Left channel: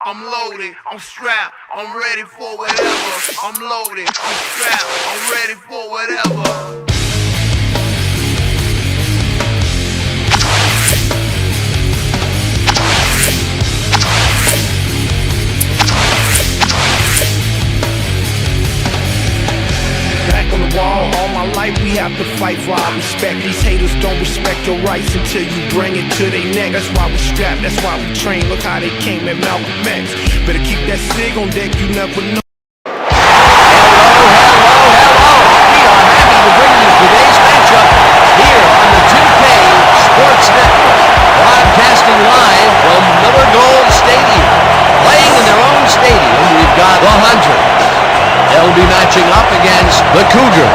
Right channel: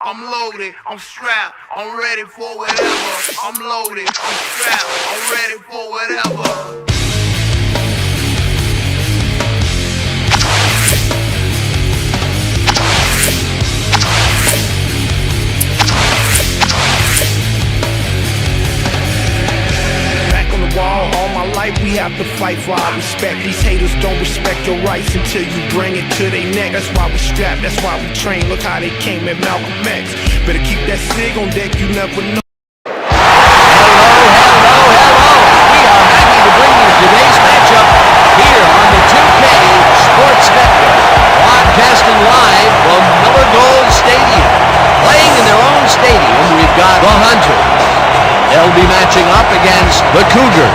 I'm loaded, I'm strapped, I'm ready for whatever. I'm loaded, I'm strapped, I'm ready for whatever. All my life we have to fight for our respect. These haters don't respect your rights until you bring it to their neck. That's why we strapped, that's why we train. Look how they came at Malcolm X. Better keep that SIG on deck, you never know. Hello. We are happy to bring you today's matchup here on the 2K Sports Network. Broadcasting live from Miller Gold Stadium. Playing in their own stadium, we've got the Hunters. They'll be matching up against the Cougars.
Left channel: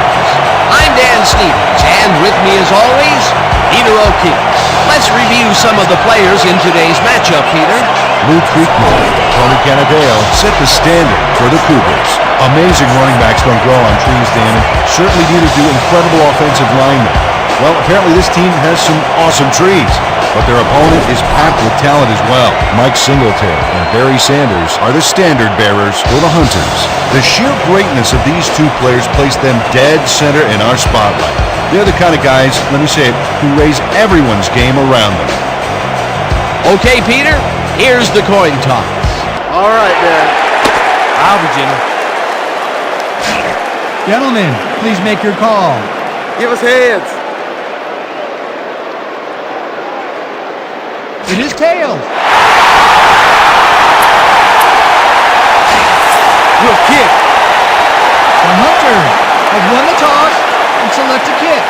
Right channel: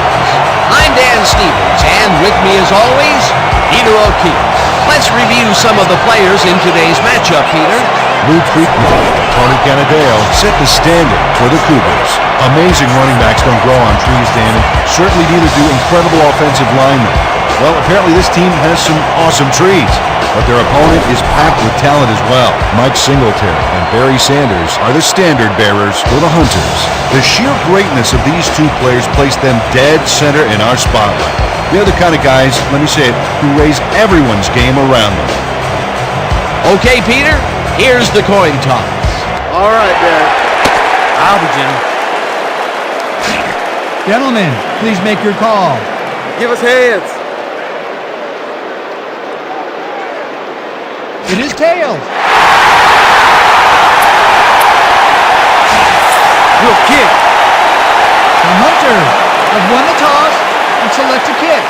I'm Dan Stevens, and with me as always, Peter O'Keefe. Let's review some of the players in today's matchup, Peter. Lou Creekmore and Tony Canadeo set the standard for the Cougars. Amazing running backs don't grow on trees, Dan, and certainly neither do incredible offensive linemen. Well, apparently this team has some awesome trees, but their opponent is packed with talent as well. Mike Singletary and Barry Sanders are the standard bearers for the Hunters. The sheer greatness of these two players place them dead center in our spotlight. They're the kind of guys, let me say it, who raise everyone's game around them. Okay, Peter, here's the coin toss. All right, Barry. I'll be gentle. Gentlemen, please make your call. Give us heads. It is tails. We'll kick. The Hunters have won the toss and select a kick.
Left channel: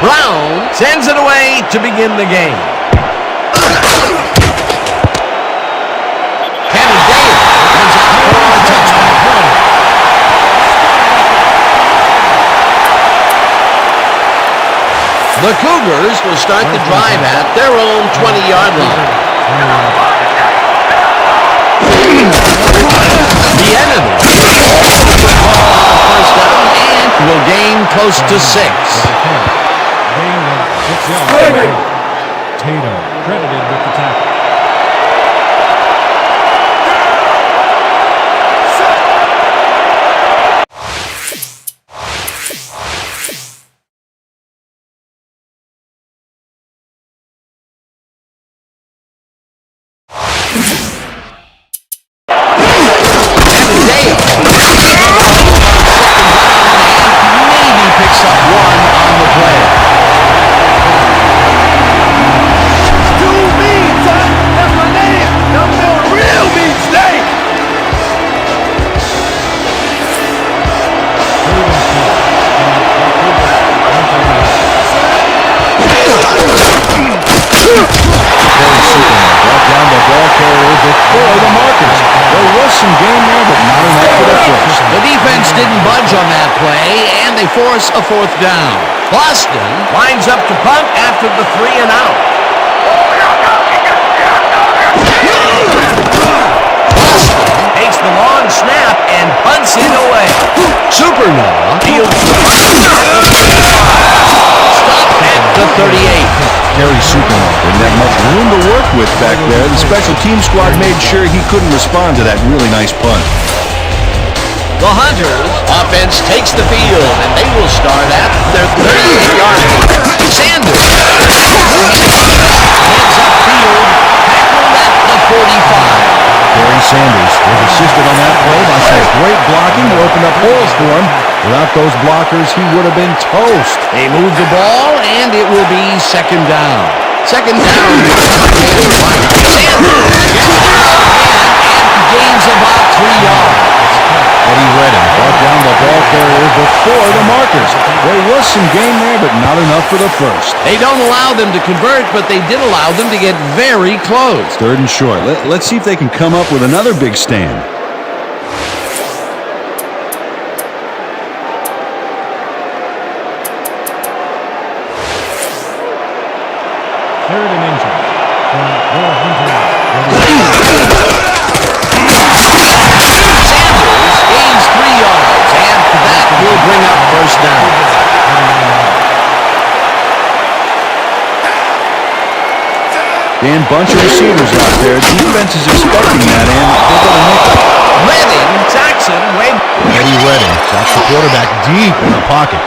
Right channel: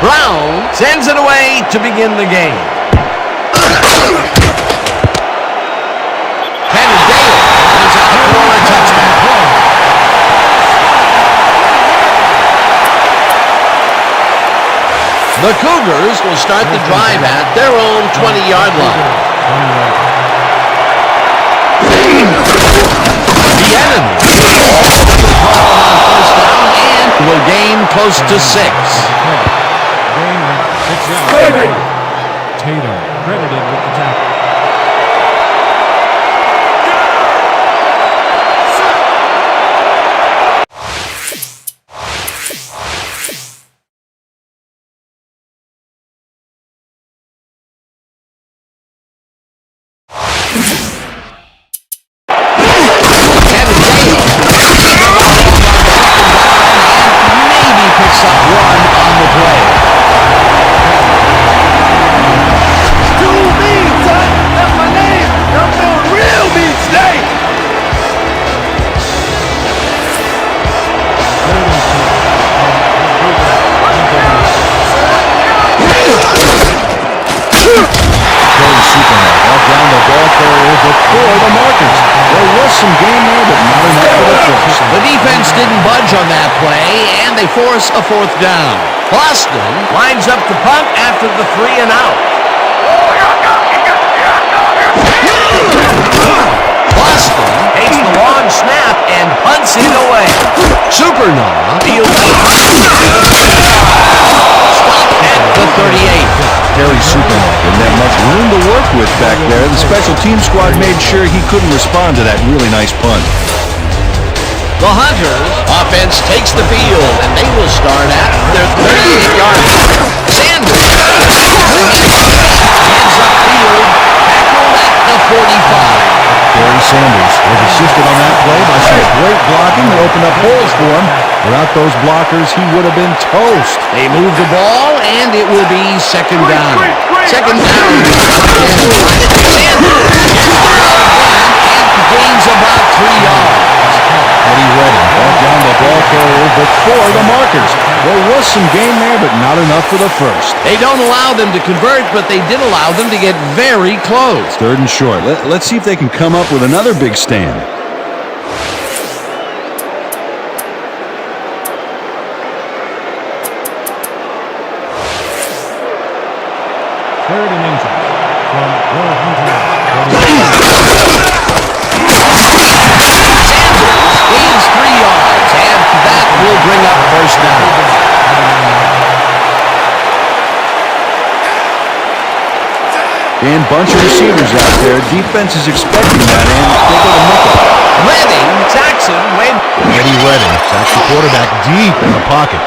Brown sends it away to begin the game. Canadeo runs out for a touchback. The Cougars will start the drive at their own 20-yard line. The enemy called on first down and will gain close to 6. Gain of 6 yards. Tatum credited with the tackle. Canadeo on second down and maybe picks up one on the play. That's my name. I'm feeling real mean today. Terry Superman brought down the ball carrier before the markers. There was some game there, but not enough for the first. The defense didn't budge on that play, and they force a fourth down. Boston lines up to punt after the 3 and out. Boston takes the long snap and punts it away. Supernaw deals the punt at the 35. Stop at the 38. Terry Supernaw didn't have much room to work with back there. The special team squad made sure he couldn't respond to that really nice punt. The Hunters offense takes the field, and they will start at their 38-yard line. Sanders heads upfield, tackled at the 45. Barry Sanders was assisted on that play by some great blocking that opened up holes for him. Without those blockers, he would have been toast. They move the ball, and it will be second down. Second down, and right. Sanders gets the ball again and gains about 3 yards. Eddie Redding brought down the ball carrier before the markers. There was some gain there, but not enough for the first. They don't allow them to convert, but they did allow them to get very close. 3rd and short. Let's see if they can come up with another big stand. Third and inches from Will Hunter. Sanders gains 3 yards, and that will bring up first down. Dan, bunch of receivers out there. Defense is expecting that, and they go to nickel. Redding sacks him way. Eddie Redding sacks the quarterback deep in the pocket.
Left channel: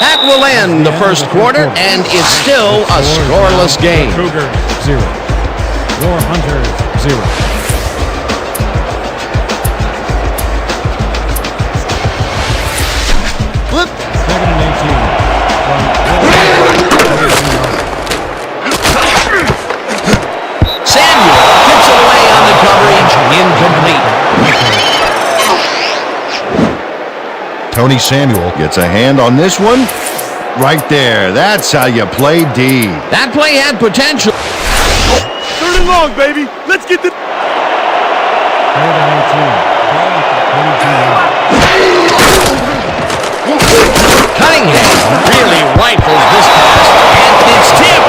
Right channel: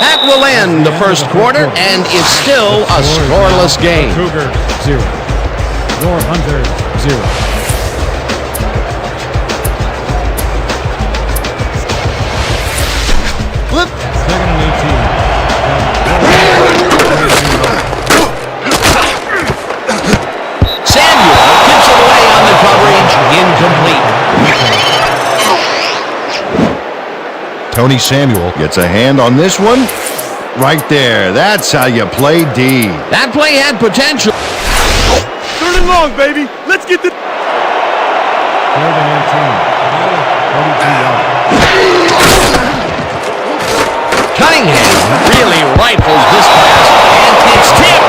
That will end the first quarter, and it's still a scoreless game. Cougar 0. Will Hunter 0. Flip. 2nd and 18 from Will Hunter. Samuel tips it away on the coverage, incomplete. Tony Samuel gets a hand on this one. Right there. That's how you play D. That play had potential. 3rd and long, baby. Let's get the... 3rd and 18. Ball at the 42 yard. Cunningham really rifles this pass, and it's tipped.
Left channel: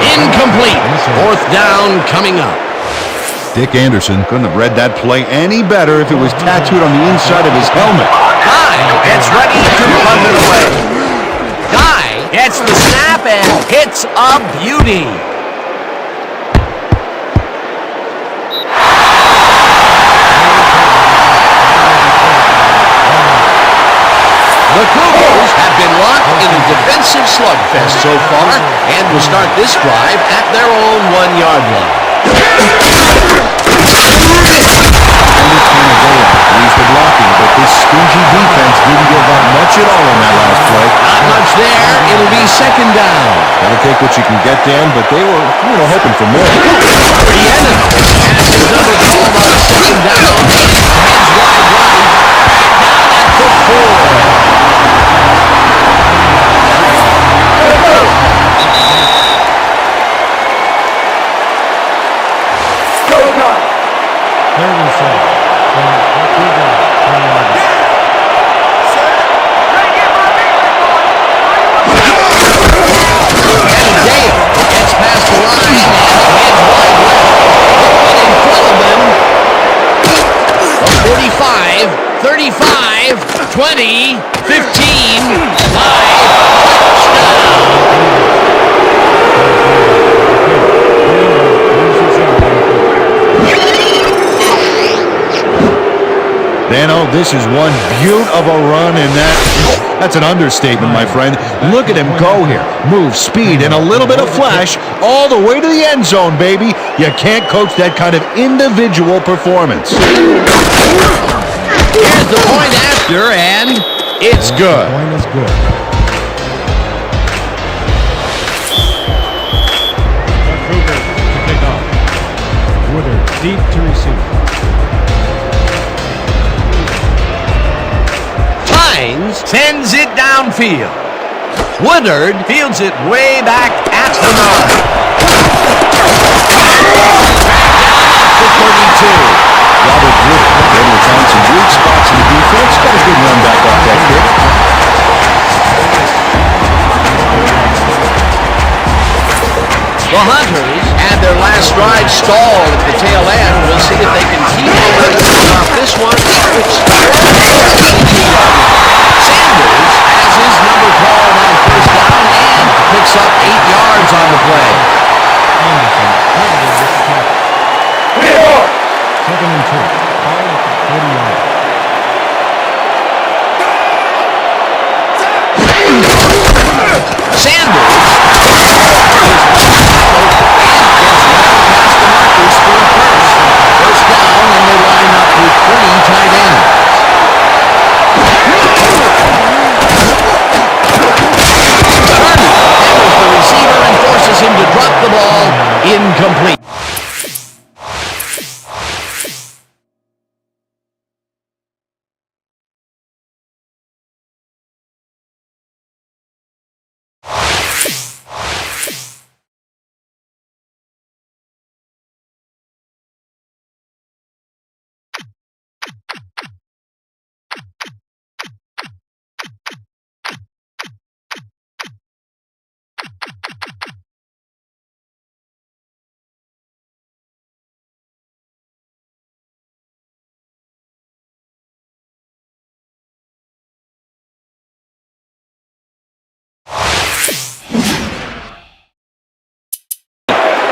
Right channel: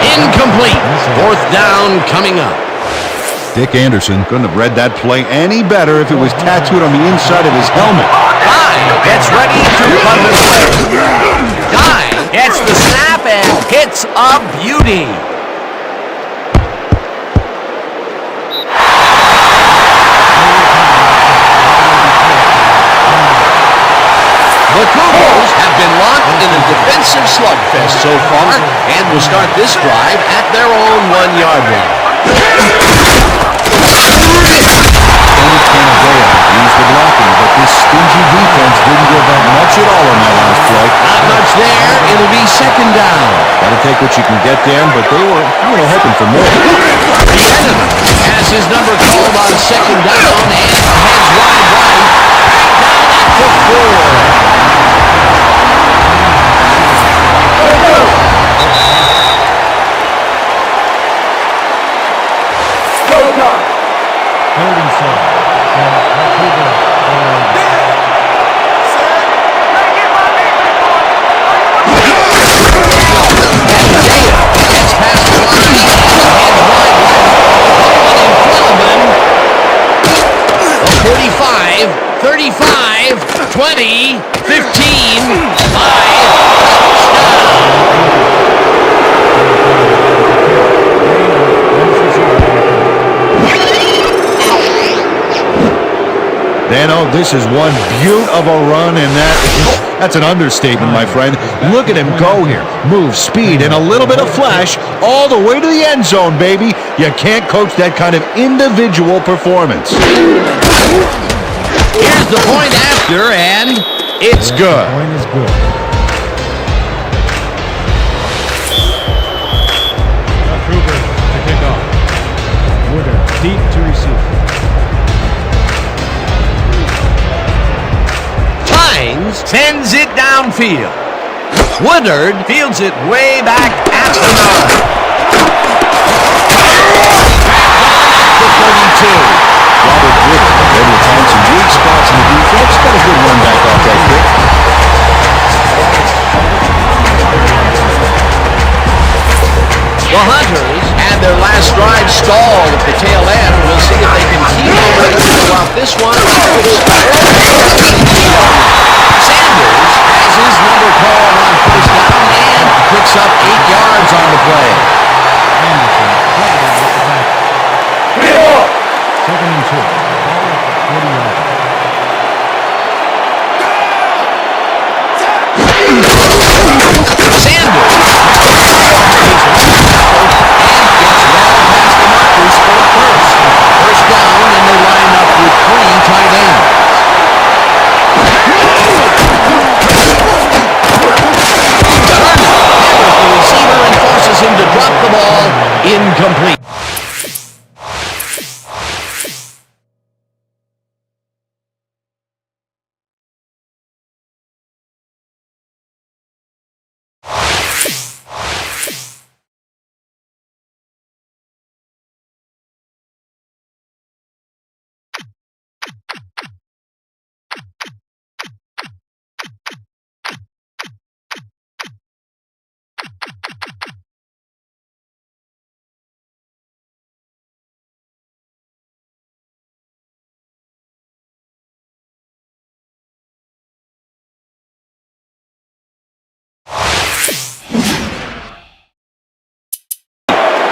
Incomplete. 4th down coming up. Dick Anderson couldn't have read that play any better if it was tattooed on the inside of his helmet. Guy gets ready to punt it away. Guy gets the snap and hits a beauty. The Cougars have been locked in a defensive slugfest so far and will start this drive at their own 1-yard line. Tony Canadeo used the blocking, but this stingy defense didn't give up much at all on that last play. Not much there. It'll be 2nd down. Got to take what you can get, Dan, but they were, hoping for more. Rhiannon has his number called on 2nd down and heads wide right. Back down at the 4. Third and 7 from the Cougars 4-yard line. Canadeo gets past the line and heads wide left. No one in front of him. The 45, 35, 20, 15, 5, touchdown. Gain of 96 yards on the play. Dano, this is one beaut of a run, and that's an understatement, my friend. Look at him go here. Move, speed, and a little bit of flash all the way to the end zone, baby. You can't coach that kind of individual performance. Here's the point after, and it's The good. point is good. The Cougars to kick off. Woodard deep to receive. Hines sends it downfield. Woodard fields it way back at the 9. Back down at the 32. Robert Woodard was able to find some weak spots in the defense. Got a good run back off that kick. The Hunters had their last drive stalled at the tail end. We'll see if they can keep momentum throughout this one, which starts at the 22-yard line. Sanders has his number called on 1st down and picks up 8 yards on the play. Anderson credited with the tackle. 2nd and 2. Ball at the 40-yard line. Sanders carries the ball for his left tackle and gets well past the markers for a first. 1st down, and they line up with 3 tight ends. Turner hammers the receiver and forces him to drop the ball. Incomplete. 3rd and 10 from the 40. 2nd and 2. Ball at the 41-yard line. Sanders has his number called on 1st down and picks up 8 yards on the play.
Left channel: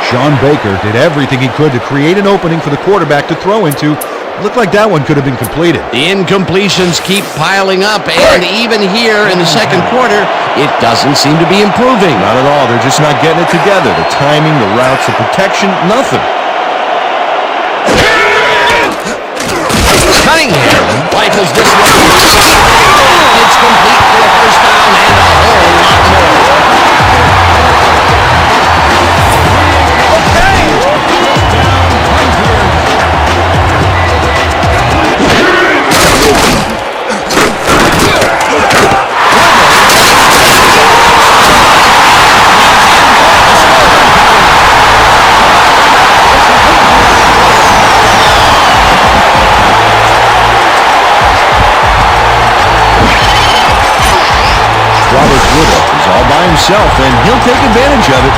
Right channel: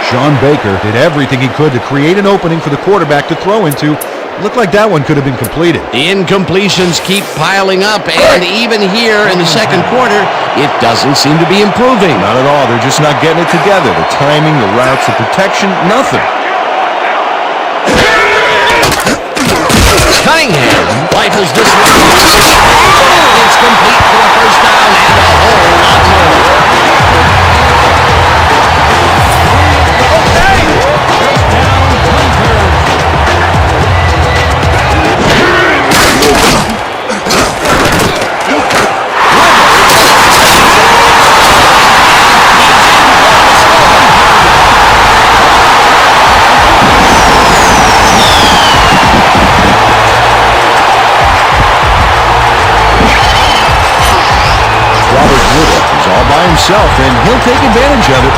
Sean Baker did everything he could to create an opening for the quarterback to throw into. Looked like that one could have been completed. The incompletions keep piling up, and even here in the second quarter, it doesn't seem to be improving. Not at all. They're just not getting it together. The timing, the routes, the protection, nothing. Cunningham rifles this one. It's complete for a first down and a whole lot more. Okay. First down, Hunters. Robert Woodard is all by himself, and he'll take advantage of it.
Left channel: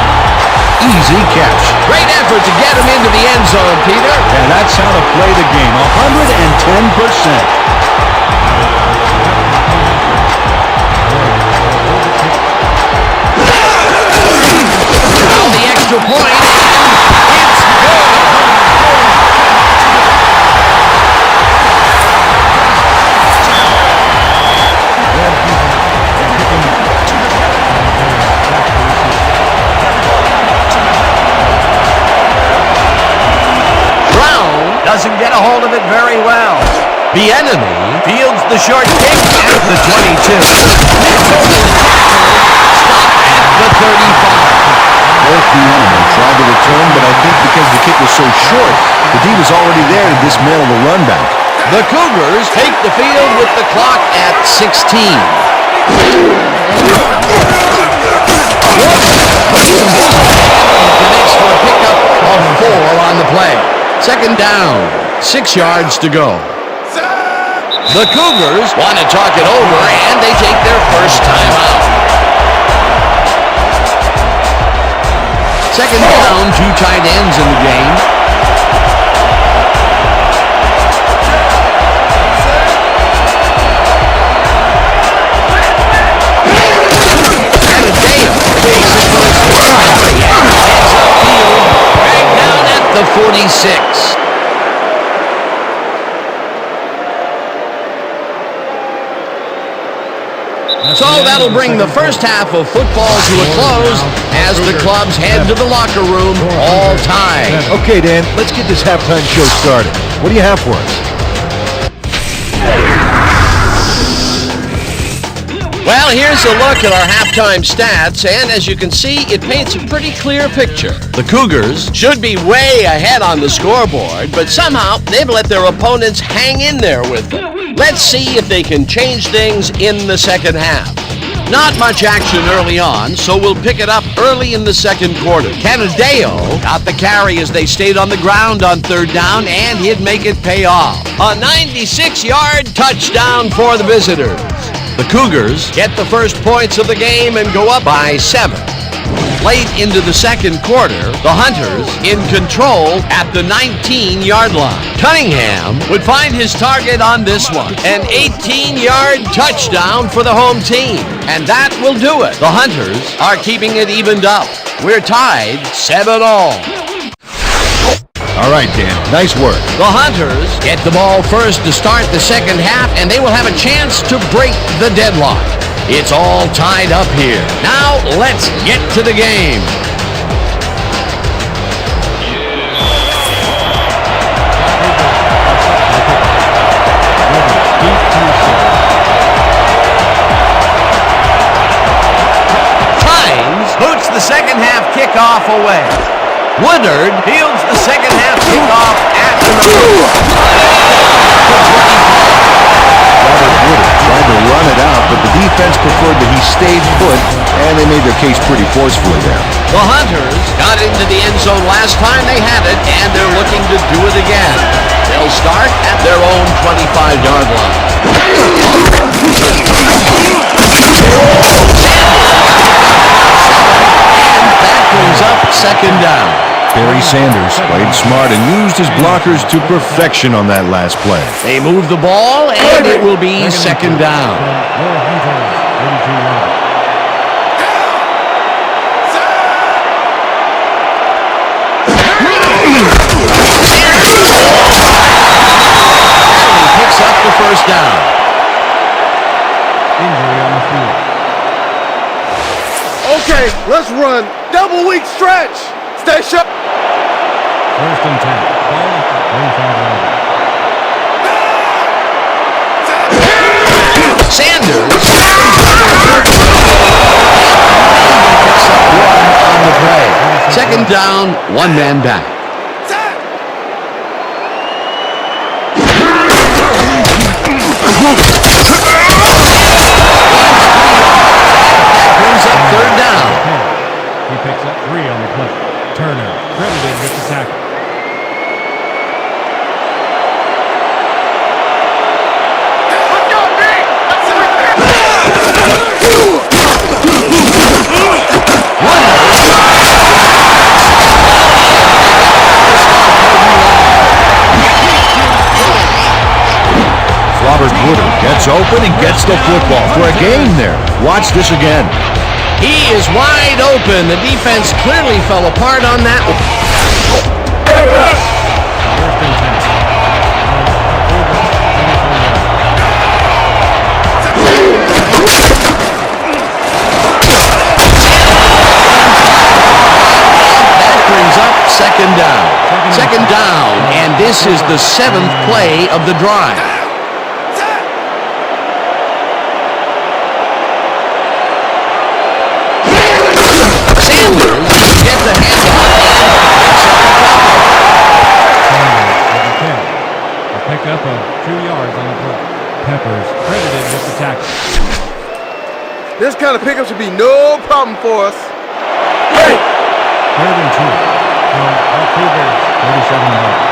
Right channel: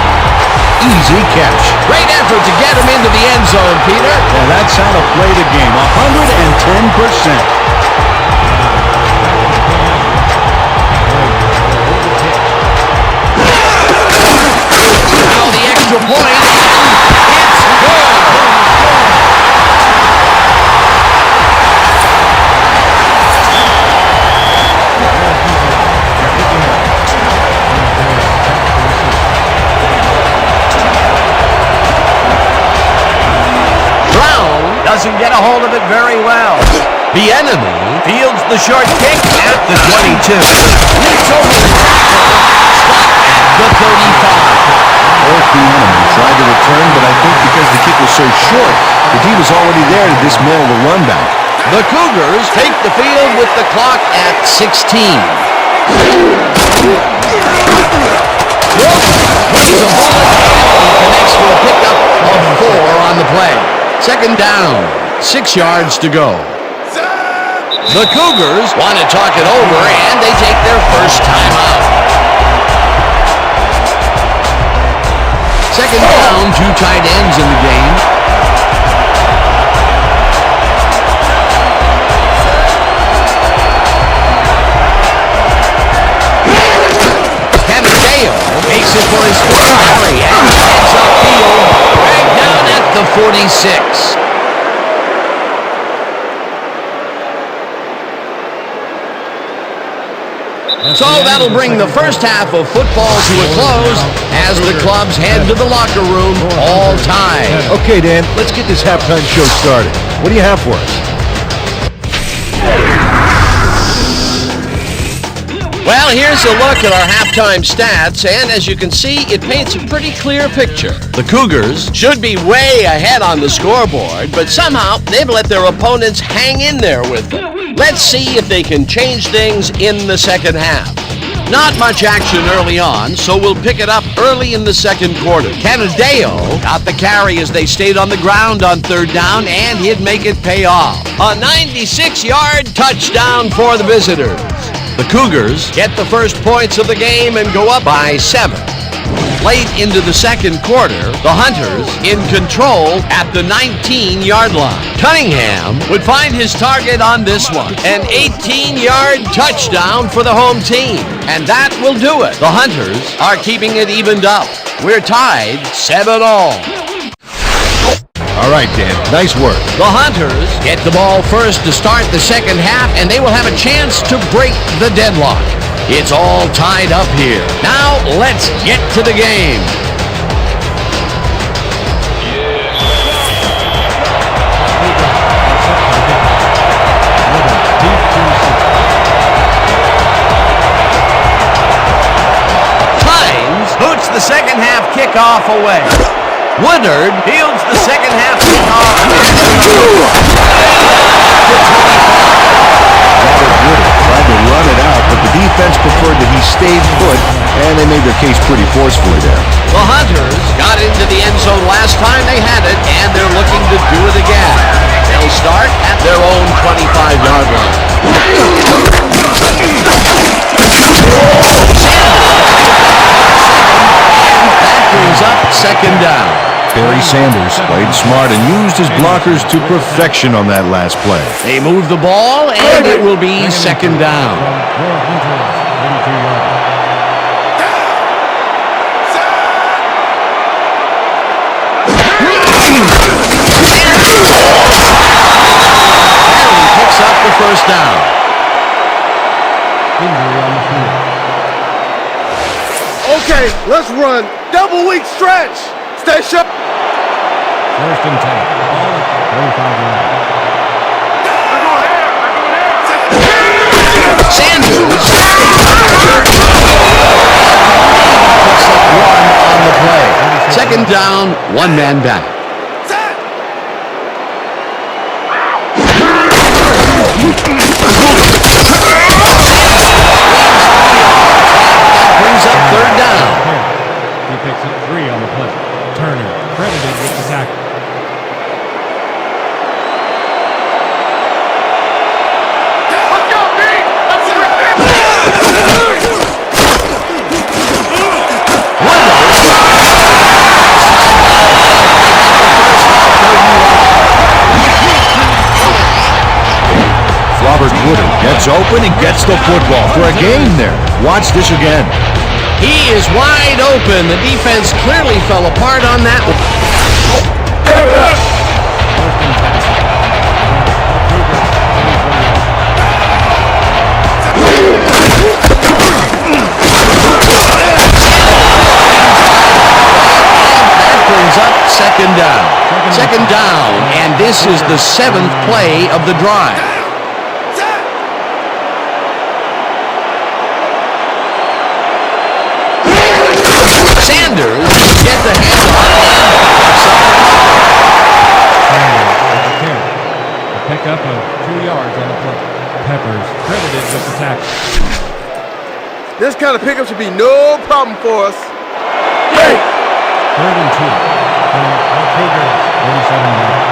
Easy catch. Great effort to get him into the end zone, Peter. Yeah, that's how to play the game. 110%. Now the extra point, and it's good. Brown doesn't get a hold of it very well. The enemy fields the short kick at the 22. Leaps over the tackle, stopped at the 35. Eric Bieniemy tried to return, but I think because the kick was so short, the D was already there to dismantle the run back. The Cougars take the field with the clock at 16. Grogan throws a bullet, and he connects for a pickup of 4 on the play. Second down, 6 yards to go. The Cougars want to talk it over, and they take their first time out. Second down, 2 tight ends in the game. Canadeo takes it for his first carry and heads upfield, dragged down at the 46. So that'll bring the first half of football to a close as the clubs head to the locker room, all tied. Okay, Dan, let's get this halftime show started. What do you have for us? Well, here's a look at our halftime stats, and as you can see, it paints a pretty clear picture. The Cougars should be way ahead on the scoreboard, but somehow they've let their opponents hang in there with them. Let's see if they can change things in the second half. Not much action early on, so we'll pick it up early in the second quarter. Canadeo got the carry as they stayed on the ground on third down, and he'd make it pay off. A 96-yard touchdown for the visitors. The Cougars get the first points of the game and go up by 7. Late into the second quarter, the Hunters in control at the 19-yard line. Cunningham would find his target on this one. An 18-yard touchdown for the home team. And that will do it. The Hunters are keeping it evened up. We're tied 7-all. All right, Dan, nice work. The Hunters get the ball first to start the second half, and they will have a chance to break the deadlock. It's all tied up here. Now, let's get to the game. Hines boots the second half kickoff away. Woodard fields the second half kickoff at the 25. Robert Woodard tried to run it out, but the defense preferred that he stayed put, and they made their case pretty forcefully there. The Hunters got into the end zone last time they had it, and they're looking to do it again. They'll start at their own 25-yard line. Sanders picked up about 7, and that brings up second down. Barry Sanders played smart and used his blockers to perfection on that last play. They move the ball, and it will be second down. From your Hunters, 32-yard line. the first down. Injury on the field. Okay, let's run. Double weak stretch. Stay sharp. First and 10. Ball at the 35-yard line. Sanders maybe picks up one on the play. Second down, one man back. That brings up third down. He picks up 3 on the play. Turner credited with the tackle. Let's go, D. That's what we stand. Woodard. Robert Woodard gets open and gets the football for a gain there. Watch this again. He is wide open. The defense clearly fell apart on that one. First and 10. From the Cougars, 24 yards. That brings up second down. Second down, and this is the 7th play of the drive. Sanders get the handoff and picks up a couple. Sanders with the carry. A pickup of 2 yards on the play. Peppers credited with the tackle. This kind of pickup should be no problem for us. Third and 2 from the Cougars, 37 yards.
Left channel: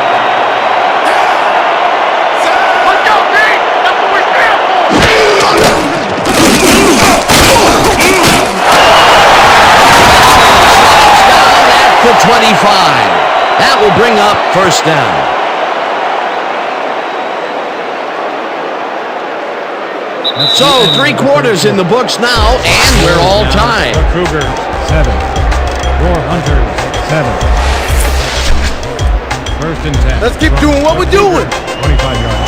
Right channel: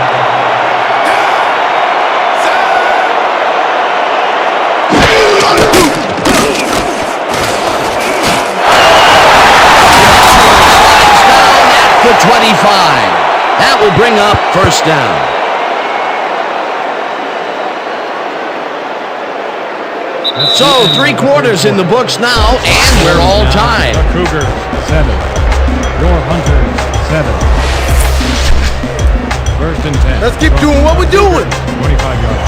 Slides down at the 25. That will bring up first down. So 3 quarters in the books now, and we're all tied. The Cougars 7. Your Hunters 7. First and 10. Let's keep doing what we're doing. 25 yards.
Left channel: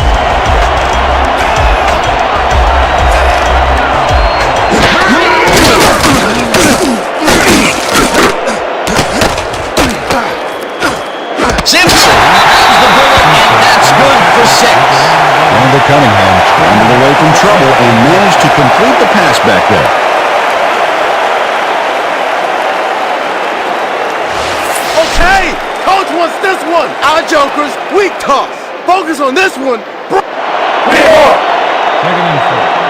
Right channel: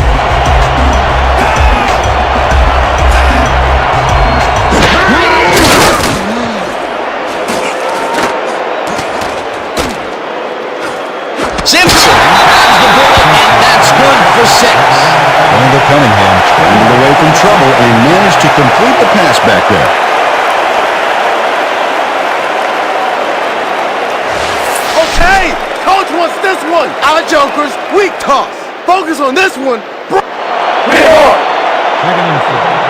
Simpson grabs the bullet, and that's good for 6. Randall Cunningham scrambled away from trouble and managed to complete the pass back there. Okay, coach wants this one. Our jokers, weak toss. Focus on this one. Second and 4.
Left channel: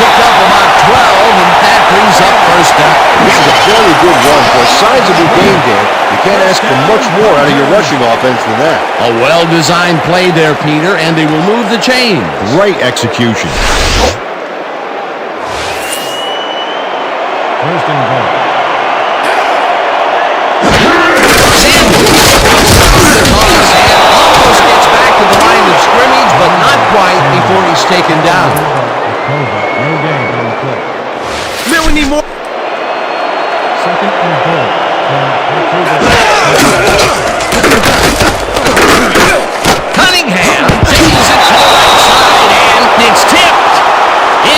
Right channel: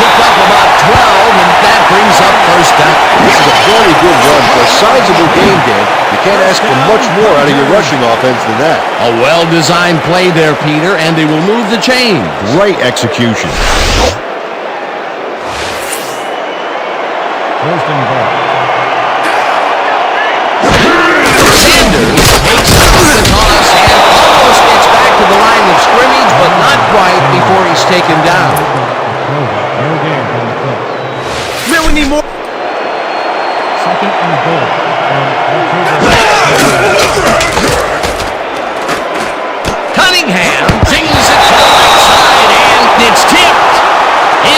Picked up about 12, and that brings up first down. This is a very good run for a sizable gain, Dan. You can't ask for much more out of your rushing offense than that. A well-designed play there, Peter, and they will move the chains. Great execution. First and goal. Sanders takes the toss and almost gets back to the line of scrimmage, but not quite before he's taken down. Clover, no gain on the play. Man, we need more. Second and goal from the Cougars. Cunningham sings it to the right side, and it's tipped.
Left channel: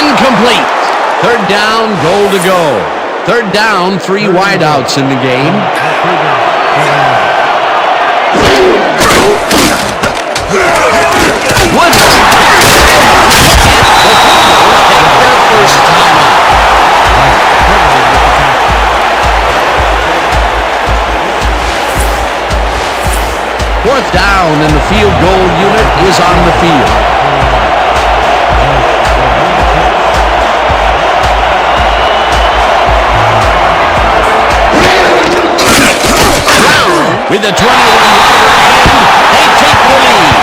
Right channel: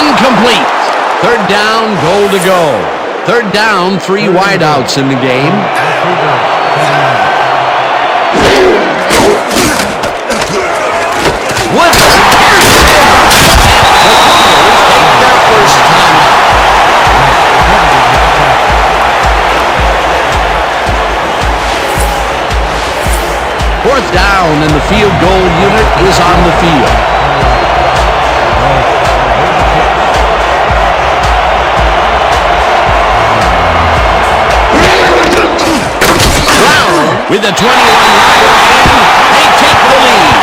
Incomplete. Third down, goal to go. Third down, 3 wideouts in the game. The Cougars, 7 yards. Woodard. The Cougars take their first time out. Fourth down, and the field goal unit is on the field. Brown with a 21-yarder, and they take the lead.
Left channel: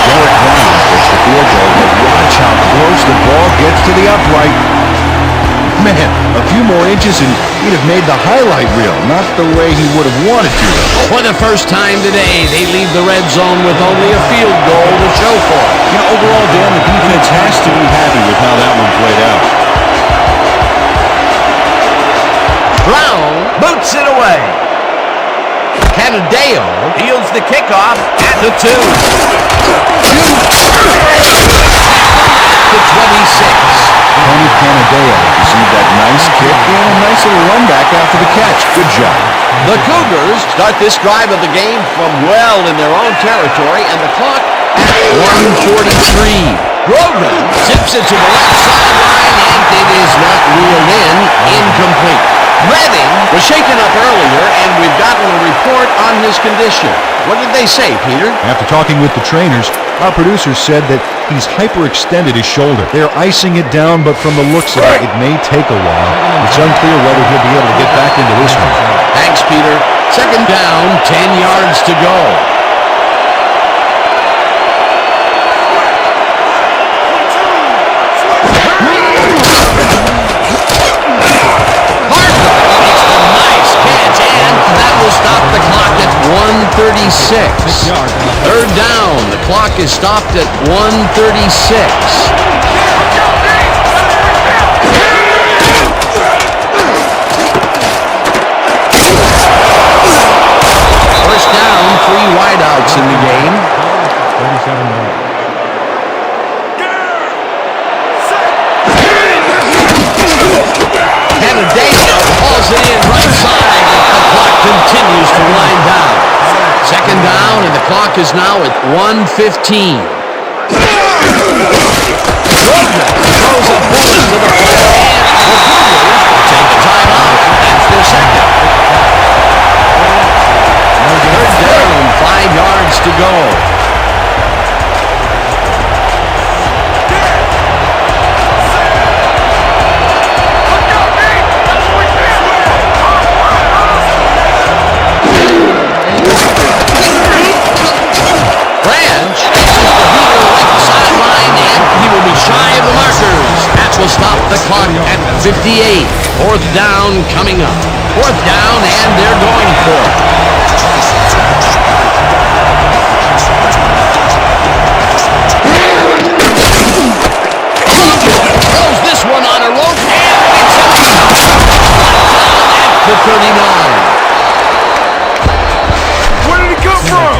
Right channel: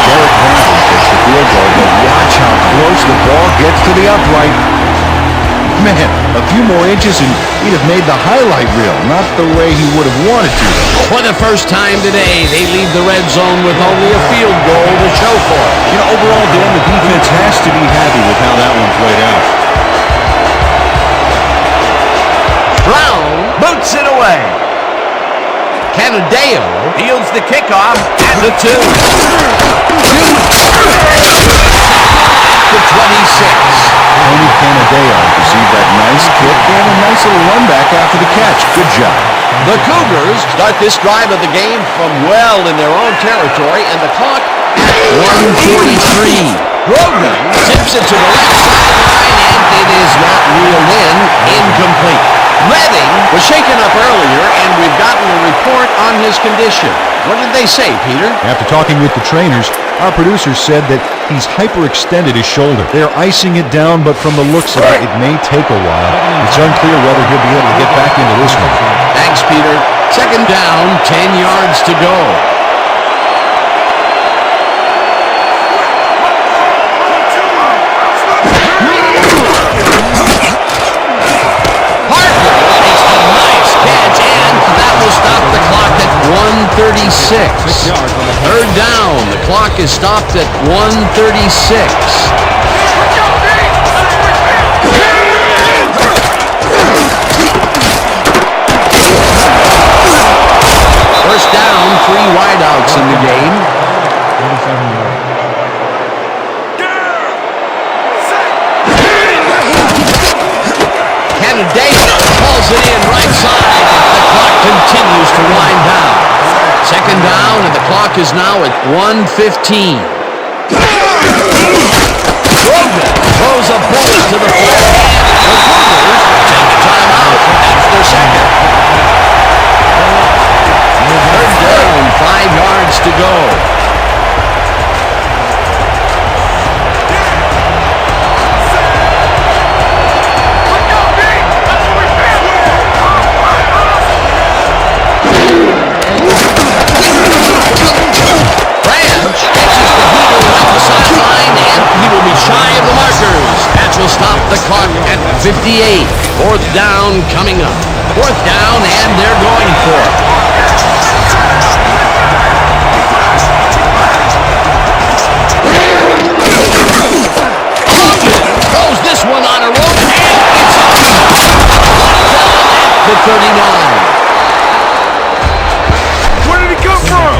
Derek Brown gets the field goal, but watch how close the ball gets to the upright. Man, a few more inches and he'd have made the highlight reel. Not the way he would have wanted to, though. For the first time today, they leave the red zone with only a field goal to show for it. You know, overall, Dan, the defense has to be happy with how that one played out. Brown boots it away. Canadeo fields the kickoff at the 2. Shoots. At the 26. Tony Canadeo received that nice kick and a nice little run back after the catch. Good job. The Cougars start this drive of the game from well in their own territory, and the clock at 1:43. Grogan zips it to the left sideline, and it is not reeled in. Incomplete. Redding was shaken up earlier, and we've gotten a report on his condition. What did they say, Peter? After talking with the trainers, our producers said that he's hyperextended his shoulder. They're icing it down, but from the looks of it, it may take a while. It's unclear whether he'll be able to get back into this one. Thanks, Peter. Second down, 10 yards to go. Parker makes a nice catch, and that will stop the clock at 1:36. Third down, the clock is stopped at 1:36. First down, 3 wideouts in the game. 37 yards. Canadeo hauls it in right side. The clock continues to wind down. Second down, and the clock is now at 1:15. Grogan throws a bullet to the flat, and the Cougars will take a timeout. That's their second. Third down, 5 yards to go. Branch catches the heater left sideline, and he will be shy of the markers. That will stop the clock at 58. Fourth down coming up. Fourth down, and they're going for it. Logan throws this one on a rope, and it's out. Locked down at the 39. Where did he come from?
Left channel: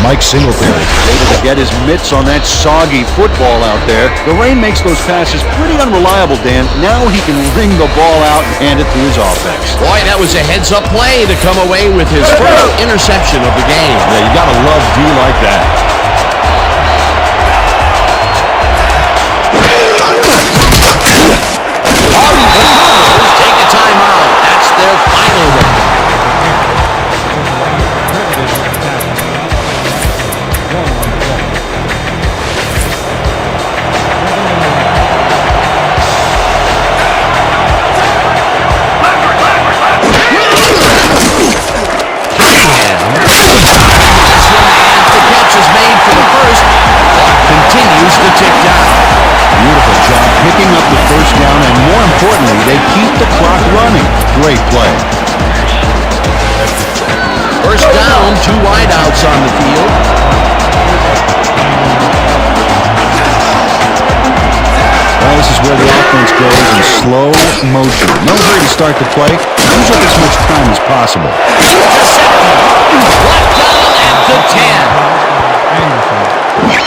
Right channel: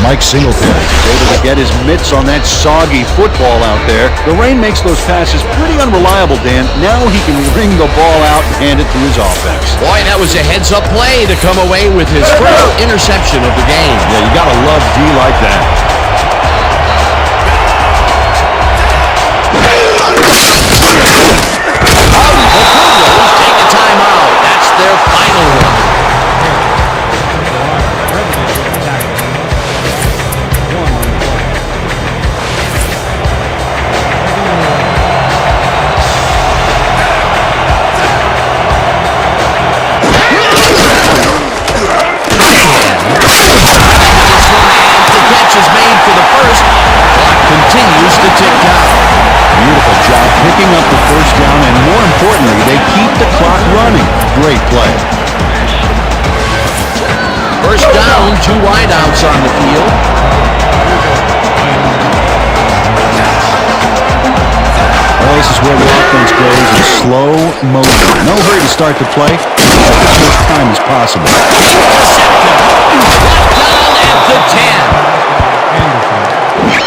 Mike Singletary is able to get his mitts on that soggy football out there. The rain makes those passes pretty unreliable, Dan. Now he can ring the ball out and hand it to his offense. Boy, that was a heads-up play to come away with his first interception of the game. Yeah, you gotta love D like that. The Cougars take a timeout. That's their final one. Credited with the tackle. One on the play. Second and 11. Cunningham into this one, and the catch is made for the first. Clock continues to tick down. Beautiful job picking up the first down, and more importantly, they keep the clock running. Great play. First down, 2 wideouts on the field. Well, this is where the offense goes in slow motion. No hurry to start the play. Took as much time as possible. Intercepted. Brought down at the 10.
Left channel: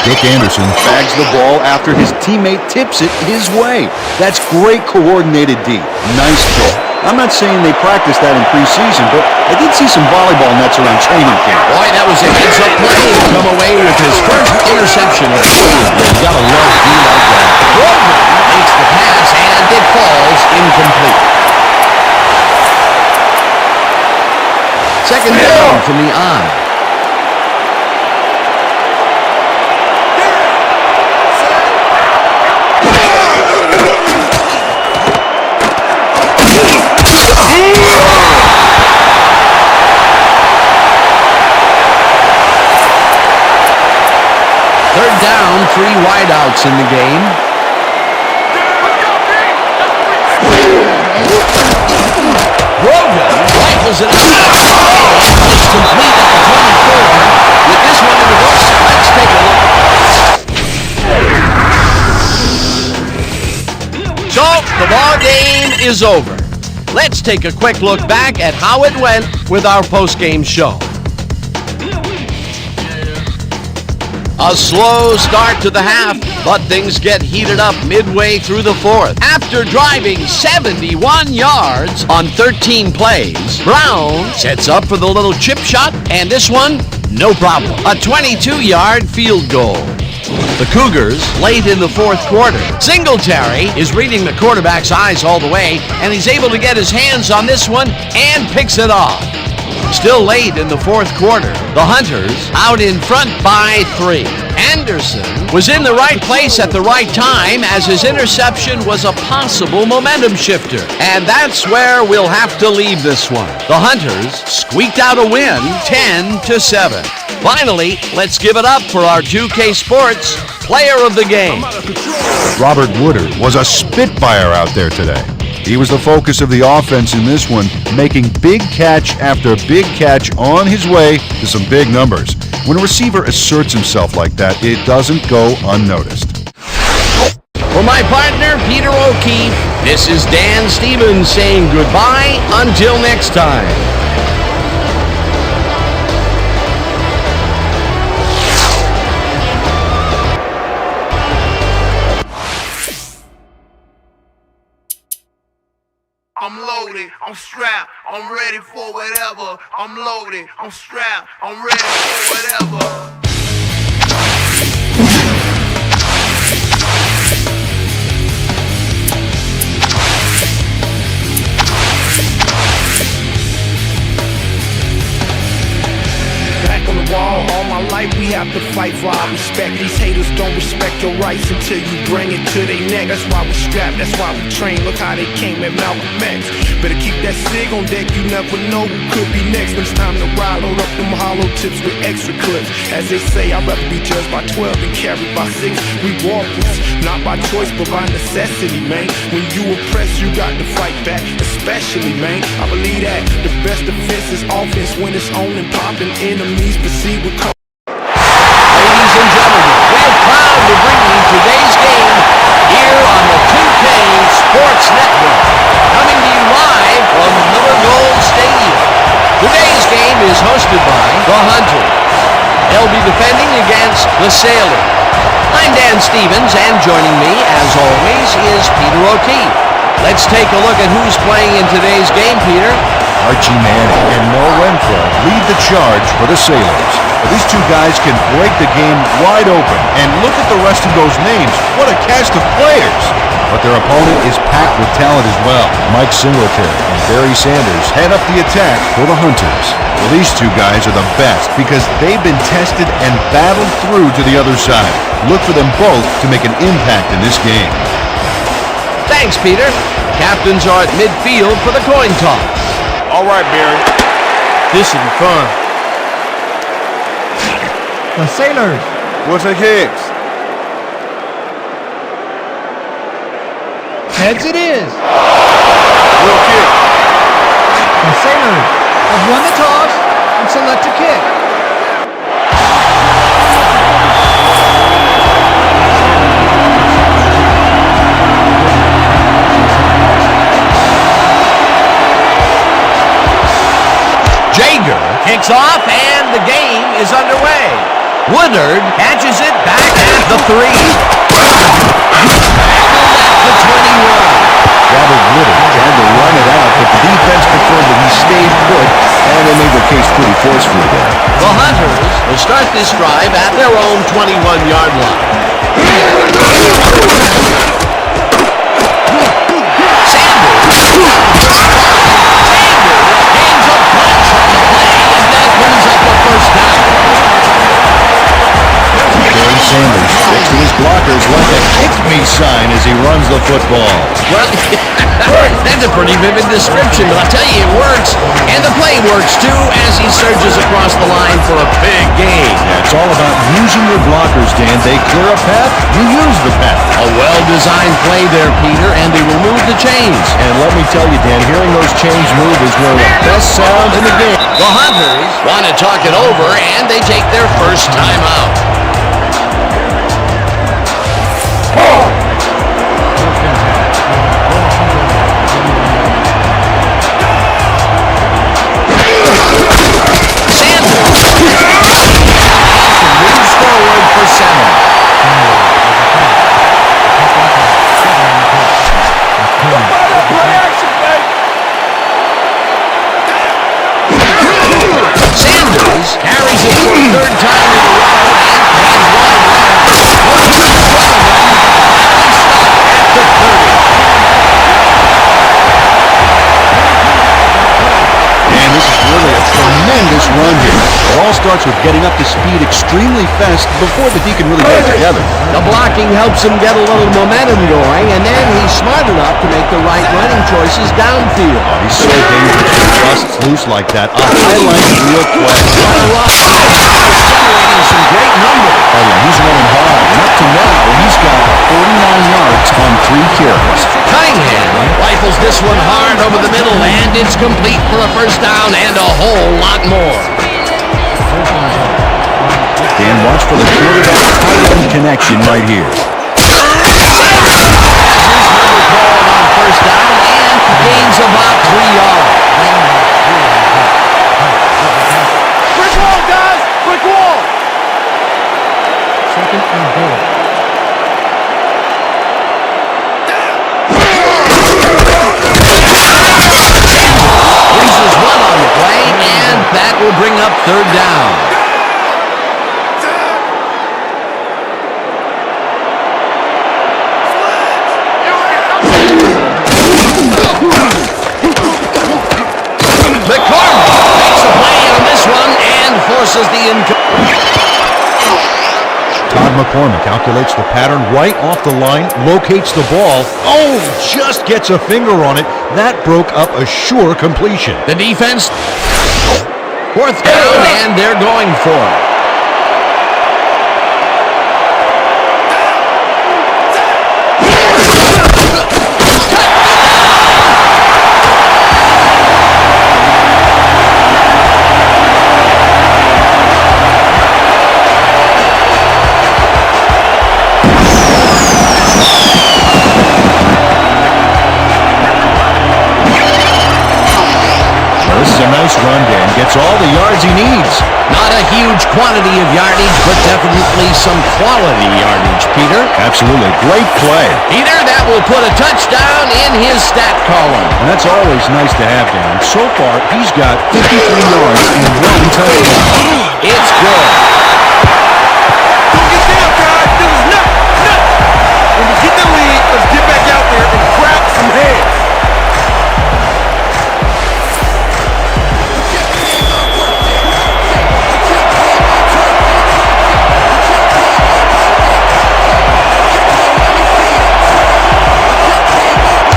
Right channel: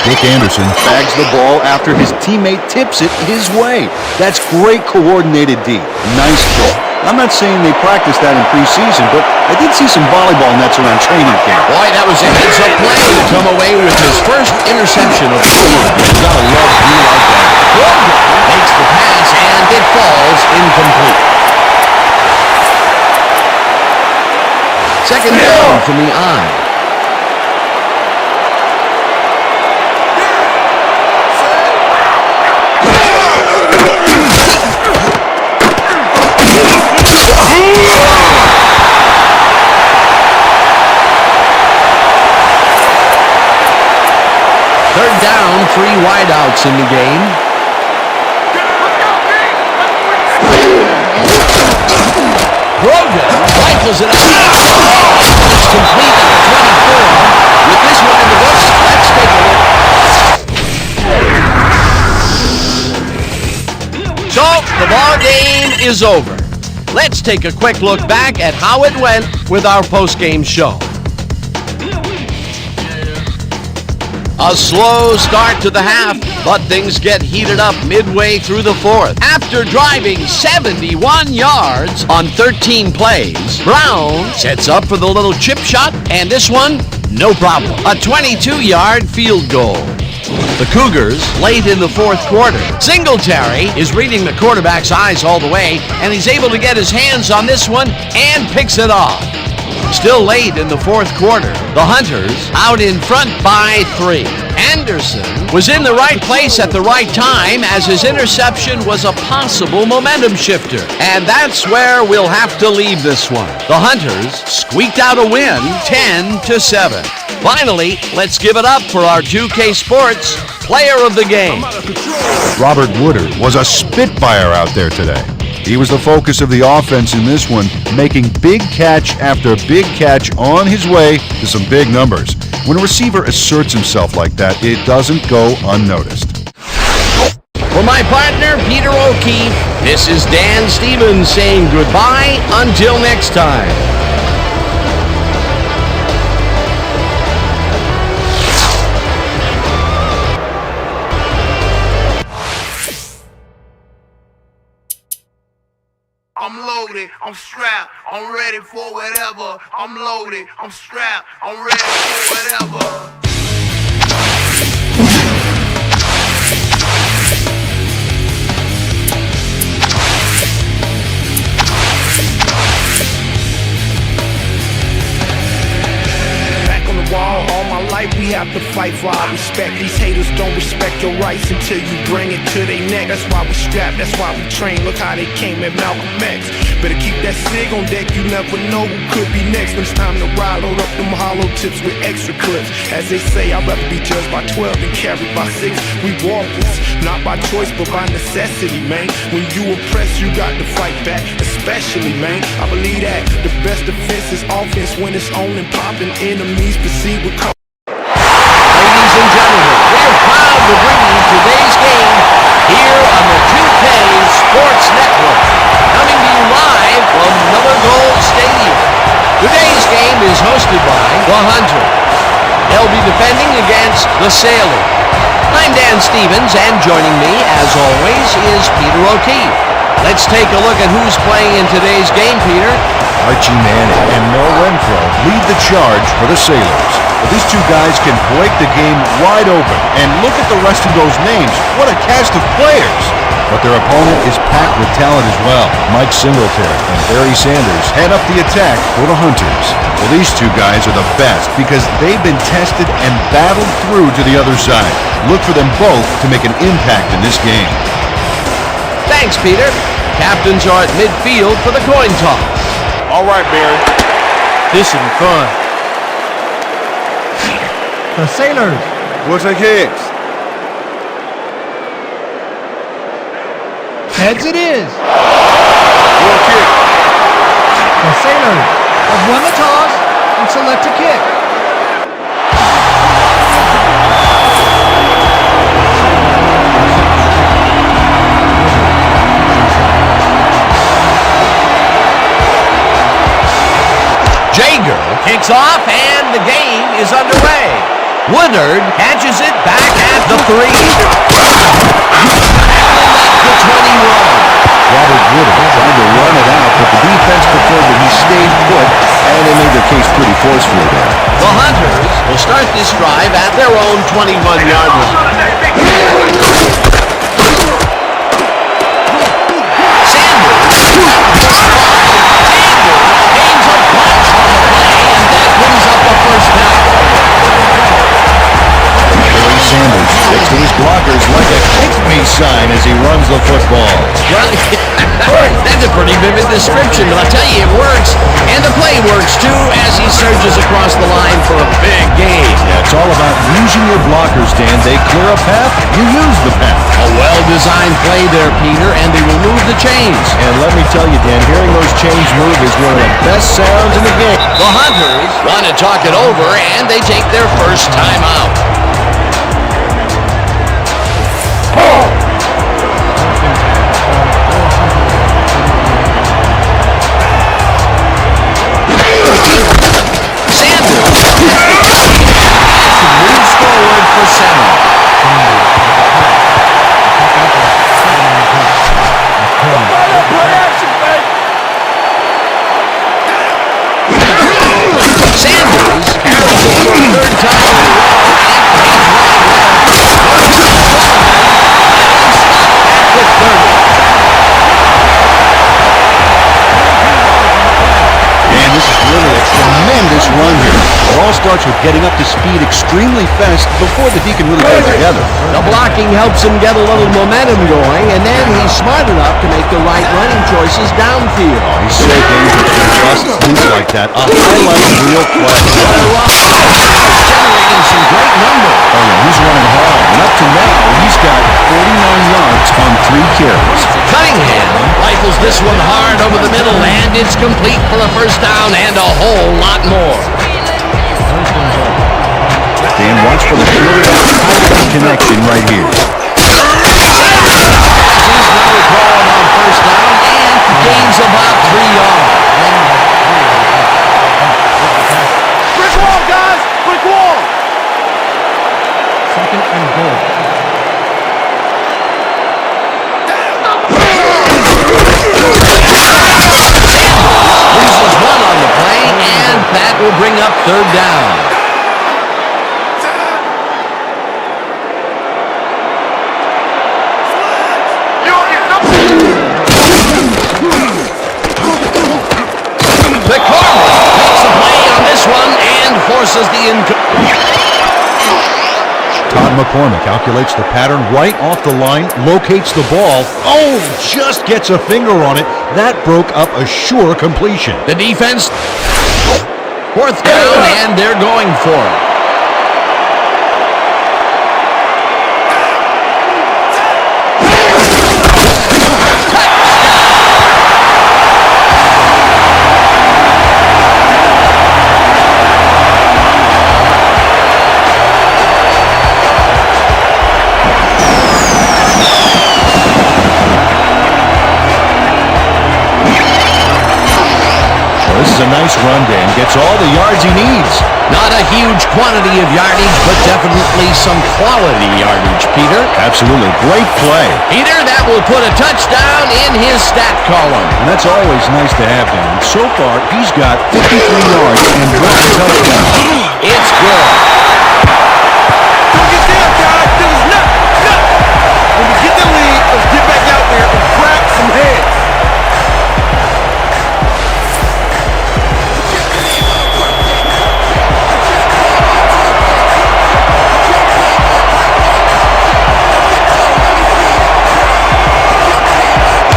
Dick Anderson bags the ball after his teammate tips it his way. That's great coordinated D. Nice pick. I'm not saying they practiced that in preseason, but I did see some volleyball nets around training camp. Boy, that was a heads-up play to come away with his first interception of the game. Yeah, you gotta love D like that. Grogan makes the pass, and it falls incomplete. Second down from the eye. Third down, 3 wideouts in the game. Grogan rifles it out. It's complete at the 24. With this one in the books, let's take a look. So, the ball game is over. Let's take a quick look back at how it went with our post-game show. A slow start to the half, but things get heated up midway through the fourth. After driving 71 yards on 13 plays, Brown sets up for the little chip shot, and this one, no problem. A 22-yard field goal. The Cougars late in the fourth quarter. Singletary is reading the quarterback's eyes all the way, and he's able to get his hands on this one and picks it off. Still late in the fourth quarter, the Hunters out in front by 3. Anderson was in the right place at the right time as his interception was a possible momentum shifter. And that's where we'll have to leave this one. The Hunters squeaked out a win, 10-7. Finally, let's give it up for our 2K Sports Player of the Game. Robert Woodard was a spitfire out there today. He was the focus of the offense in this one, making big catch after big catch on his way to some big numbers. When a receiver asserts himself like that, it doesn't go unnoticed. For my partner, Peter O'Keefe, this is Dan Stevens saying goodbye until next time. I'm loaded, I'm strapped, I'm ready for whatever. I'm loaded, I'm strapped, I'm ready for whatever. Back on the wall, all my life we have to fight for our respect. These haters don't respect your rights until you bring it to their neck. That's why we strap, that's why we train. Look how they came at Malcolm X. Better keep that SIG on deck, you never know who could be next. When it's time to ride, load up them hollow tips with extra clips. As they say, I'd rather be judged by 12 than carried by 6. We walkers, not by choice but by necessity, man. When you oppressed, you got to fight back, especially, man. I believe that the best defense is offense when it's on and popping. Enemies proceed with Ladies and gentlemen, we're proud to bring you today's game here on the 2K Sports Network. Coming to you live from Miller Gold Stadium. Today's game is hosted by the Hunters. They'll be defending against the Sailors. I'm Dan Stevens, and joining me, as always, is Peter O'Keefe. Let's take a look at who's playing in today's game, Peter. Archie Manning and Mel Renfro lead the charge for the Sailors. But these two guys can break the game wide open, and look at the rest of those names. What a cast of players! But their opponent is packed with talent as well. Mike Singletary and Barry Sanders head up the attack for the Hunters. Well, these two guys are the best because they've been tested and battled through to the other side. Look for them both to make an impact in this game. Thanks, Peter. The captains are at midfield for the coin toss. All right, Barry. This should be fun. The Sailors. We'll take heads. Heads it is. We'll kick. The Sailors have won the toss and select a kick. Jager kicks off, and the game is underway. Woodard catches it back at the 3. Tackled at the 21. Robert Woodard tried to run it out, but the defense preferred that he stayed put, and they made their case pretty forcefully there. The Hunters will start this drive at their own 21-yard line. Sanders at the 35. Sanders gains a bunch on the play, and that brings up a first down. Barry Sanders sticks to his blockers like a kick-me sign as he runs the football. Well, that's a pretty vivid description, but I'll tell you, it works. And the play works, too, as he surges across the line for a big gain. Yeah, it's all about using your blockers, Dan. They clear a path, you use the path. A well-designed play there, Peter, and they will move the chains. And let me tell you, Dan, hearing those chains move is one of the best sounds in the game. The Hunters want to talk it over, and they take their first time out. First and 10 from Sanders with the catch. A pickup of 7 on the play. McCormick with the catch. Sanders carries it for a third time in a row and hands wide left. Goes to Sullivan. Finally stopped at the 30. And this is really a tremendous run here. It all starts with getting up to speed extremely fast before the D can really get it together. The blocking helps him get a little momentum going, and then he's smart enough to make the right running choices downfield. Oh, he's so dangerous when he busts loose like that. A highlight reel play. What a run. He's generating some great numbers. Oh, yeah, he's running hard. And up to now, he's got 49 yards on 3 carries. Cunningham rifles this one hard over the middle, and it's complete for a first down and a whole lot more. First and goal. Dan, watch for the quarterback-tight end connection right here. Sanders has his number called on first down and gains about 3 yards. Brick wall, guys! Brick wall! Second and goal. Loses one on the play, and that will bring up third down. McCormick makes a play on this one and forces the Todd McCormick calculates the pattern right off the line, locates the ball. Oh, just gets a finger on it. That broke up a sure completion. The defense, fourth down, and they're going for it. This is a nice run, Dan. Gets all the yards he needs. Not a huge quantity of yardage, but definitely some quality yardage, Peter. Absolutely. Great play. Peter, that will put a touchdown in his stat column. And that's always nice to have, Dan. So far, he's got 53 yards and 1 touchdown. It's good. Don't get down, guys! This is nothing! When we get the lead, let's get back out there and crack some heads!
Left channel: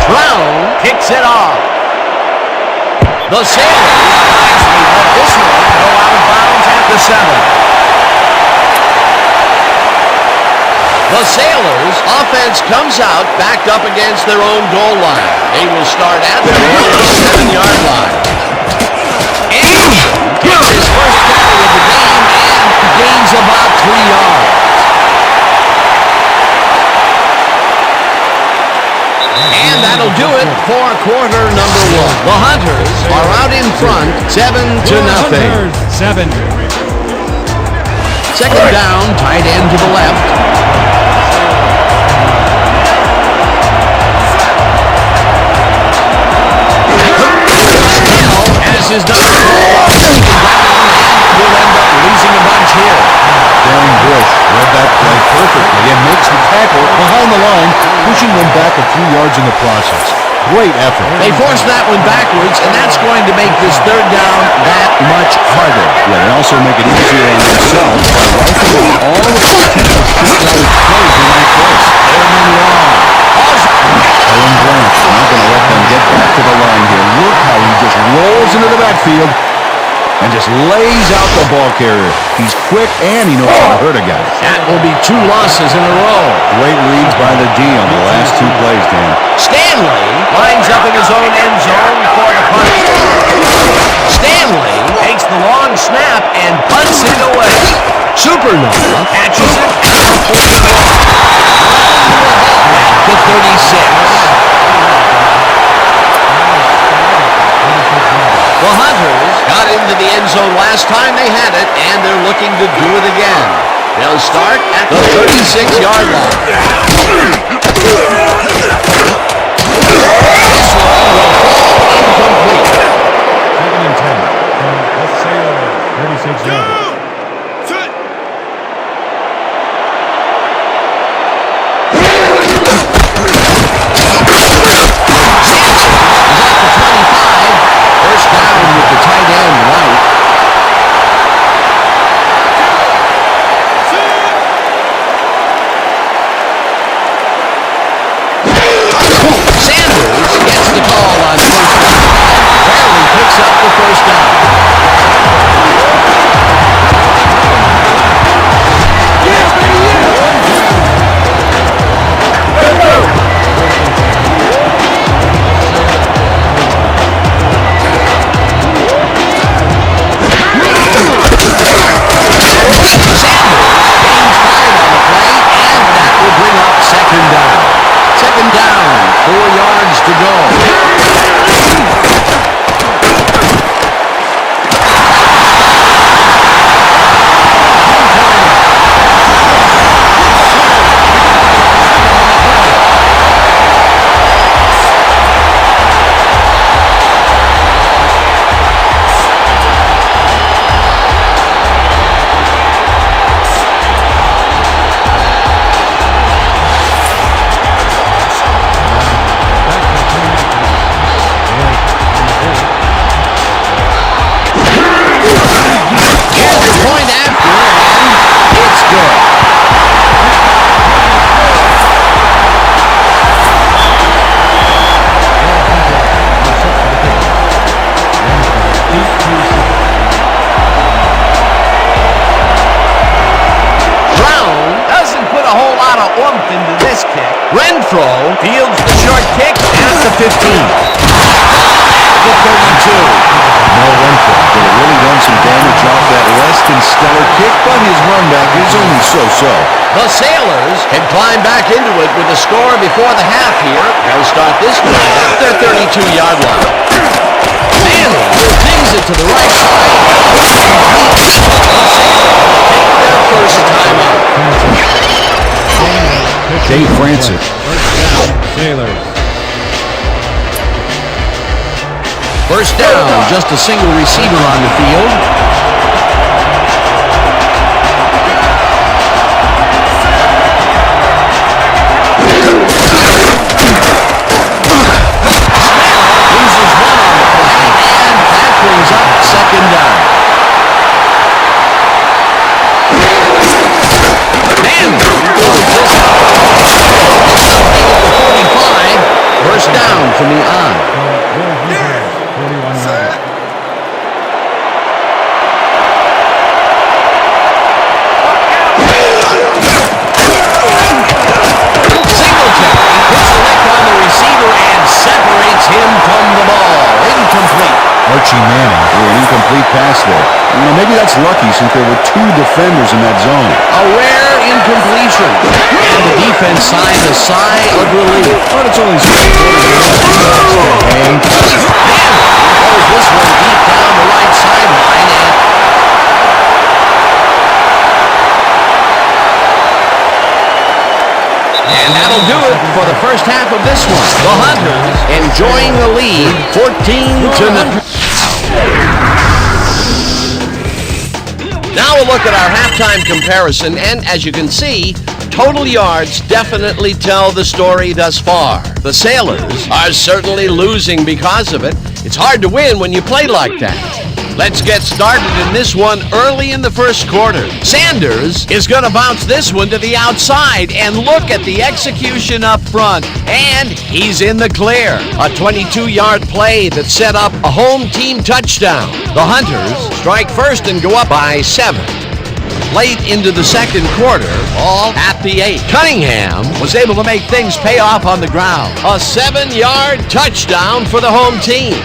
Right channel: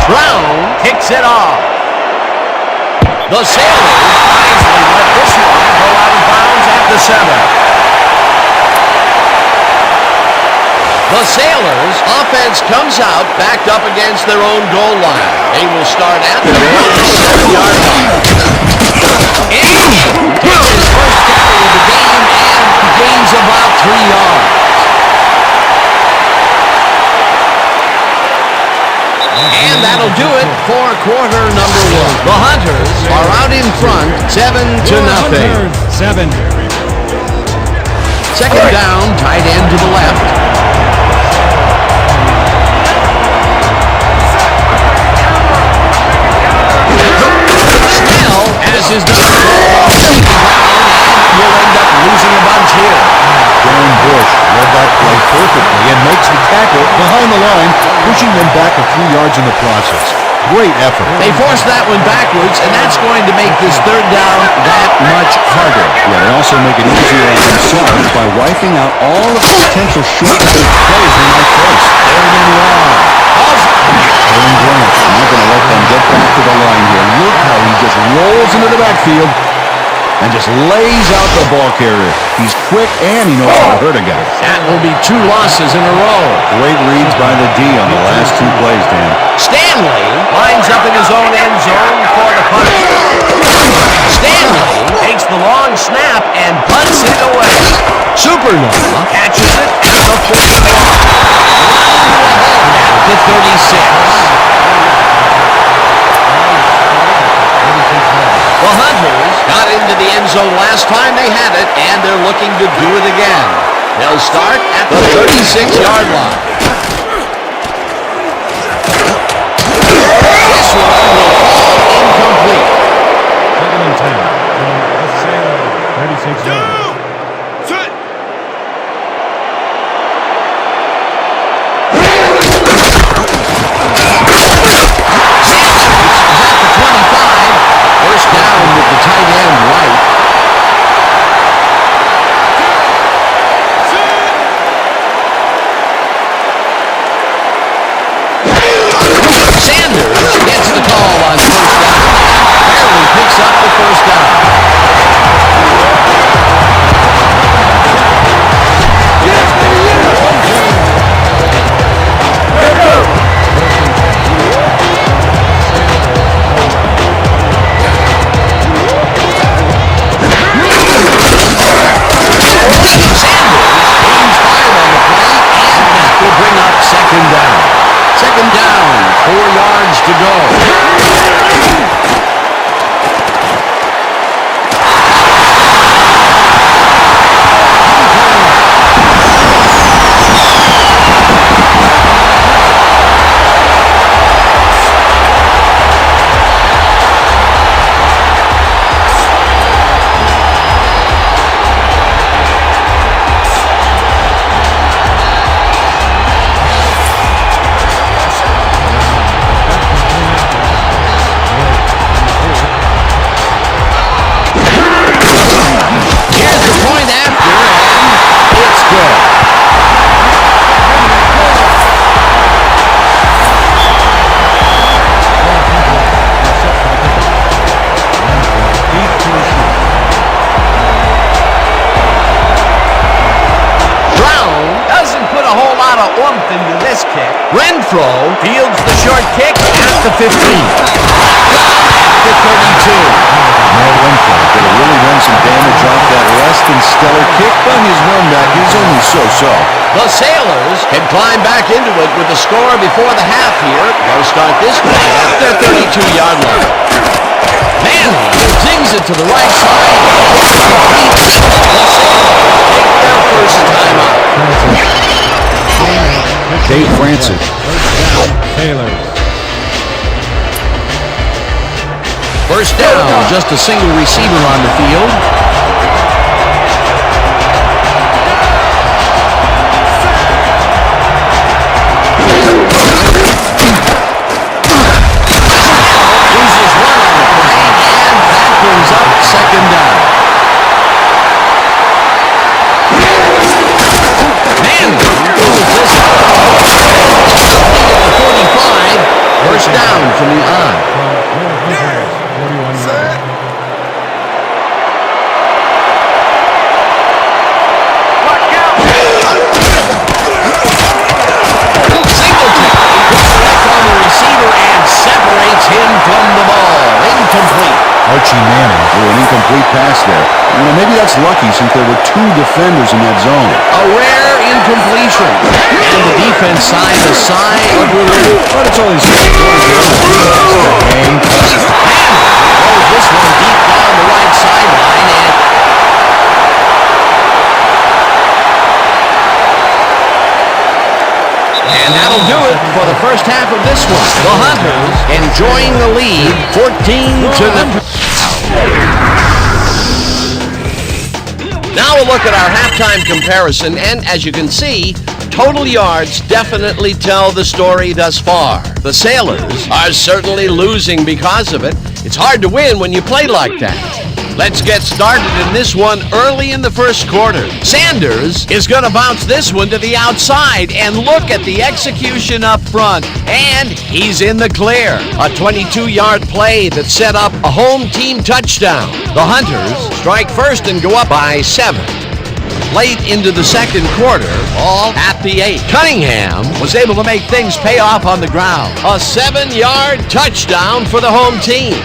Brown kicks it off. The Sailors wisely let this one go out of bounds at the 7. The Sailors' offense comes out backed up against their own goal line. They will start at their own 7-yard line. Anderson takes his first carry of the game and gains about 3 yards. And that'll do it for quarter number 1. The Hunters are out in front, 7-0. 7. Second down, tight end to the left. Snell has his number called on second down and will end up losing a bunch here. Darren Bush read that play perfectly and makes the tackle behind the line, pushing them back a few yards in the process. Great effort. They forced that one backwards, and that's going to make this third down that much harder. Yeah, they also make it easier on themselves by wiping out all of the potential short-yardage plays they might face. Third and long. Owen Grant not going to let them get back to the line here. Look how he just rolls into the backfield and just lays out the ball carrier. He's quick and he knows how to hurt a guy. That will be 2 losses in a row. Great reads by the D on the last 2 plays, Dan. Stanley lines up in his own end zone for the punt. Stanley takes the long snap and punts it away. Supernova catches it at the 41. Round to a halt at the 36. The Hunters got into the end zone last time they had it, and they're looking to do it again. They'll start at the 36-yard line. This one will fall incomplete. 2nd and 10 from the Sailor 36-yard line. At the 25, first down with the tight end right. Sanders gets the call on first down and barely picks up the first down. Yeah, baby, yeah! Let's go! First and 10. Sanders gains 5 on the play, and that will bring up second down. Second down, 4 yards to go. Back to the point after. Blake on the hold. Here's the point after, and it's good. Will Hunter are set for the kickoff. Renfro deep to receive. Brown doesn't put a whole lot of oomph into this kick. Renfro fields the short kick at the 15. Down at the 32. Mel Renfro could have really done some damage off that less than stellar kick, but his run back is only so-so. The Sailors can climb back into it with a score before the half here. They'll start this drive at their 32-yard line. Manning zings it to the right side and complete. The Sailors take their first time out. Dave Francis. Sailors. First down, just a single receiver on the field. Loses one on the play, and that brings up second down. Manning throws this out. It's complete at the 45. First down from the on. From Will Hunter's 41-yard line. Singletary puts a lick on the receiver and separates him from the ball. Incomplete. Archie Manning threw an incomplete pass there. You know, maybe that's lucky since there were 2 defenders in that zone. A rare incompletion. And the defense signed a sigh of relief. But it's only the second quarter game. The team has to hang tough. Manning throws this one deep down the right sideline, and that'll do it for the first half of this one. The Hunters enjoying the lead, 14-0. Now we'll look at our halftime comparison, and as you can see, total yards definitely tell the story thus far. The Sailors are certainly losing because of it. It's hard to win when you play like that. Let's get started in this one early in the first quarter. Sanders is going to bounce this one to the outside, and look at the execution up front. And he's in the clear. A 22-yard play that set up a home team touchdown. The Hunters strike first and go up by 7. Late into the second quarter, all at the 8. Cunningham was able to make things pay off on the ground. A 7-yard touchdown for the home team.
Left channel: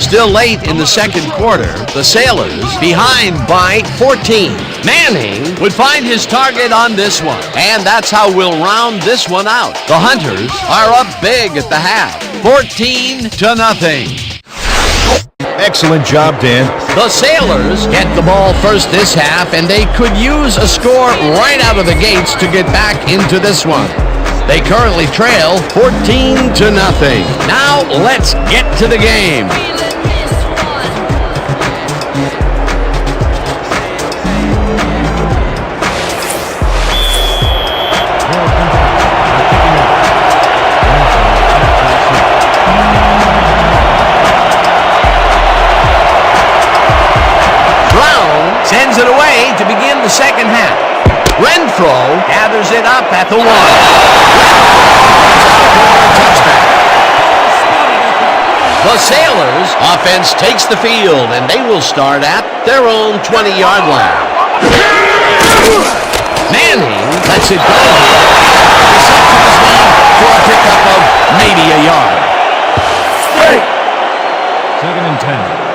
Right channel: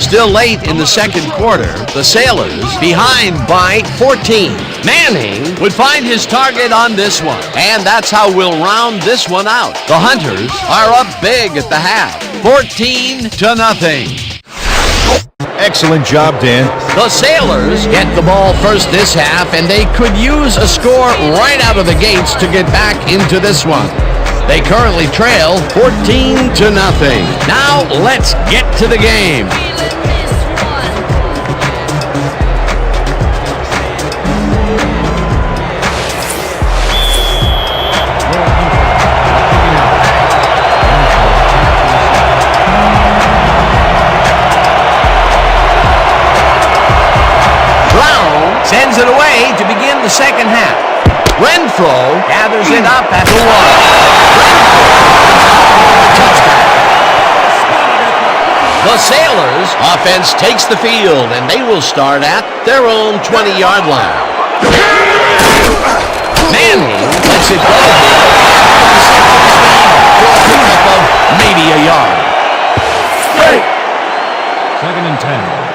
Still late in the second quarter, the Sailors behind by 14. Manning would find his target on this one, and that's how we'll round this one out. The Hunters are up big at the half, 14-0. Excellent job, Dan. The Sailors get the ball first this half, and they could use a score right out of the gates to get back into this one. They currently trail 14-0. Now let's get to the game. Your Hunters are kicking off. Renfro back to receive. Brown sends it away to begin the second half. Renfro gathers it up at the 1. Renfro is out for a touchback. Ball spotted at the 20. The Sailors' offense takes the field, and they will start at their own 20-yard line. Manning lets it go here, and the reception is made for a pickup of maybe a yard. 2nd and 10.